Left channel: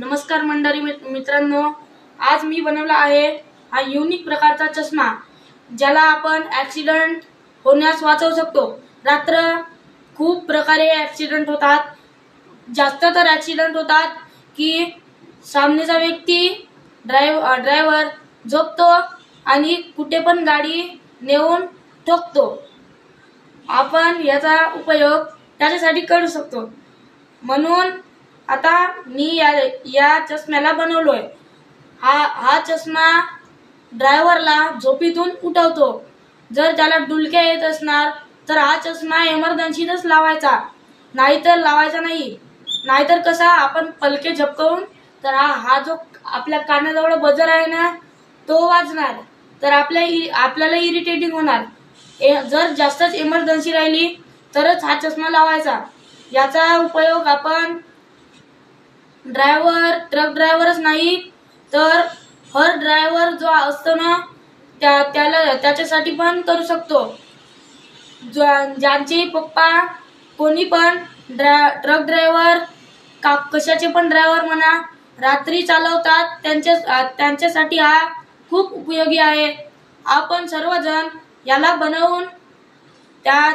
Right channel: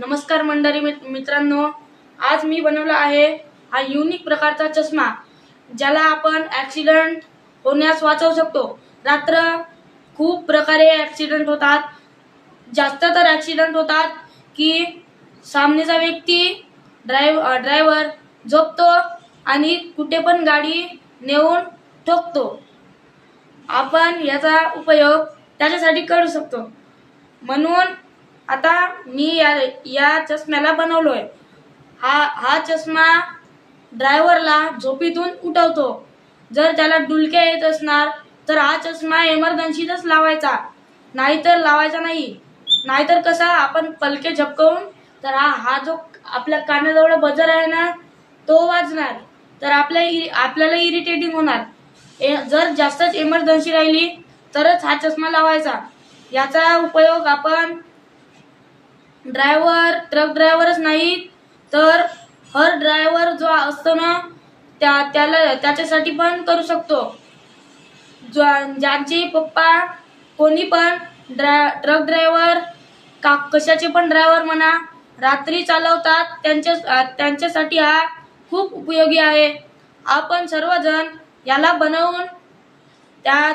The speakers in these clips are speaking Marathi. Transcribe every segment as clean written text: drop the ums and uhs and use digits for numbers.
नमस्कार मंडळी मित्रांनो, आज मी बनवला आहे हा युनिक प्रकारचा चष्मा, ज्याला आपण ऍक्सिडेंट होण्यास वाचवू शकतो। रात्र खूप प्रकारे ऍक्सिडेंट होतात, जास्त तर ऍक्सिडेंट होतात की सामनेचा व्यक्ती ड्रायव्हर झोपतो आणि कुठे पण गाडी नेऊन ठोकतो। आपण याचा उपयोग त्याच्यासाठी करू शकतो, म्हणून आता मी या चष्म्याला बनवलोय। हा चष्मा ड्रायव्हरला झोपेतून उठवतो। जर त्याला डुलक्या येत असणार तर हा चष्मा इमर्जन्सीतच लावायचा, नाहीतर लावायचा नाही। नाहीतर कसा आपण पलके झपकवून तर हा जो आपल्या कानाजवळ बजर आहे ना तो वाजणार, तर आपल्याला इरिटेटिंग होणार। जर जास्तच इमर्जन्सी राहिली तरच हा चष्मा लावायचा। याचा उपयोग आपण ट्रक ड्रायव्हरच नाही तर हर ड्रायव्हर जो असतो ना त्याच्यासाठी पण करू शकतो। ज्यांचे पप्पा कोणी पण ट्रक ड्रायव्हर कशाचे पण ड्रायव्हर म्हणा रात्री चालवतात, त्यांच्यासाठी हा खूप उपयोगी आहे। आपण सर्वजण याला बनवून त्यात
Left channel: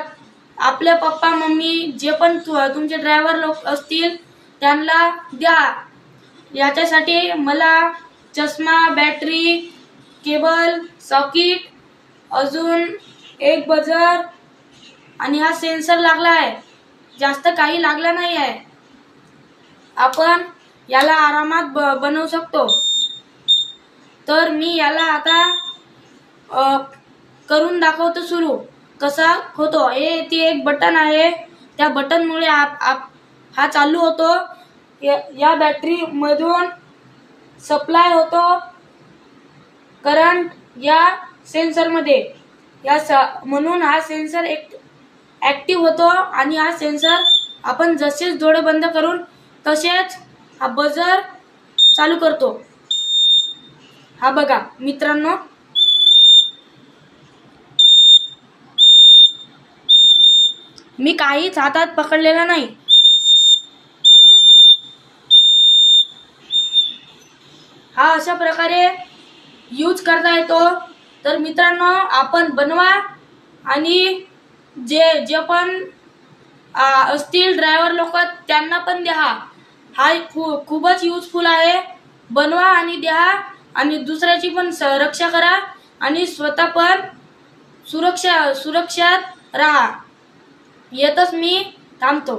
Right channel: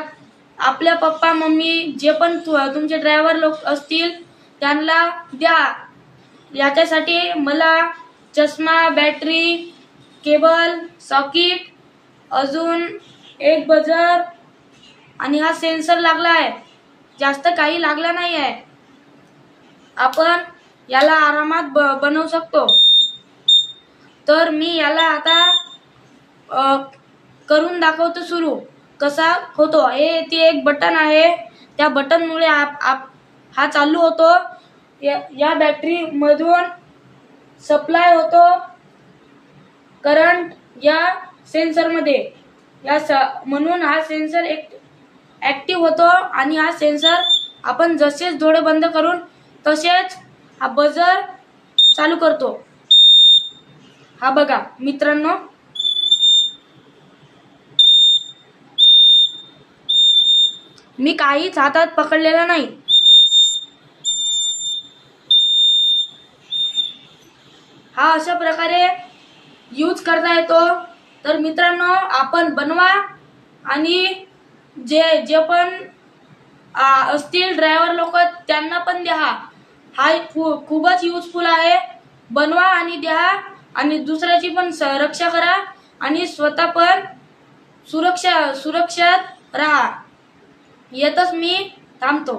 आपल्या पप्पा मम्मी जे पण तुमचे ड्रायव्हर लोक असतील त्यांना द्या। याच्यासाठी मला चष्मा, बॅटरी, केबल, सॉकेट, अजून एक बजर आणि हा सेन्सर लागला आहे, जास्त काही लागला नाही आहे। आपण याला आरामात बनवू शकतो। तर मी याला आता करून दाखवतो सुरू कसा होतो। ते एक बटन आहे, त्या बटन मुळे हा चालू होतो। या बॅटरी मधून सप्लाय होतो करंट या सेन्सर मध्ये, म्हणून हा सेन्सर ऍक्टिव्ह होतो आणि हा सेन्सर आपण जसेच डोळे बंद करून तसेच हा बजर चालू करतो। हा बघा मित्रांनो, मी काहीच हातात पकडलेला नाही। हा अशा प्रकारे यूज करता येतो। तर मित्रांनो, आपण बनवा आणि जे पण असतील ड्रायव्हर लोक त्यांना पण द्या। हा खूपच युजफुल आहे। बनवा आणि द्या आणि दुसऱ्याची पण रक्षा करा आणि स्वतः पण सुरक्षित राहा। येतच मी थांबतो।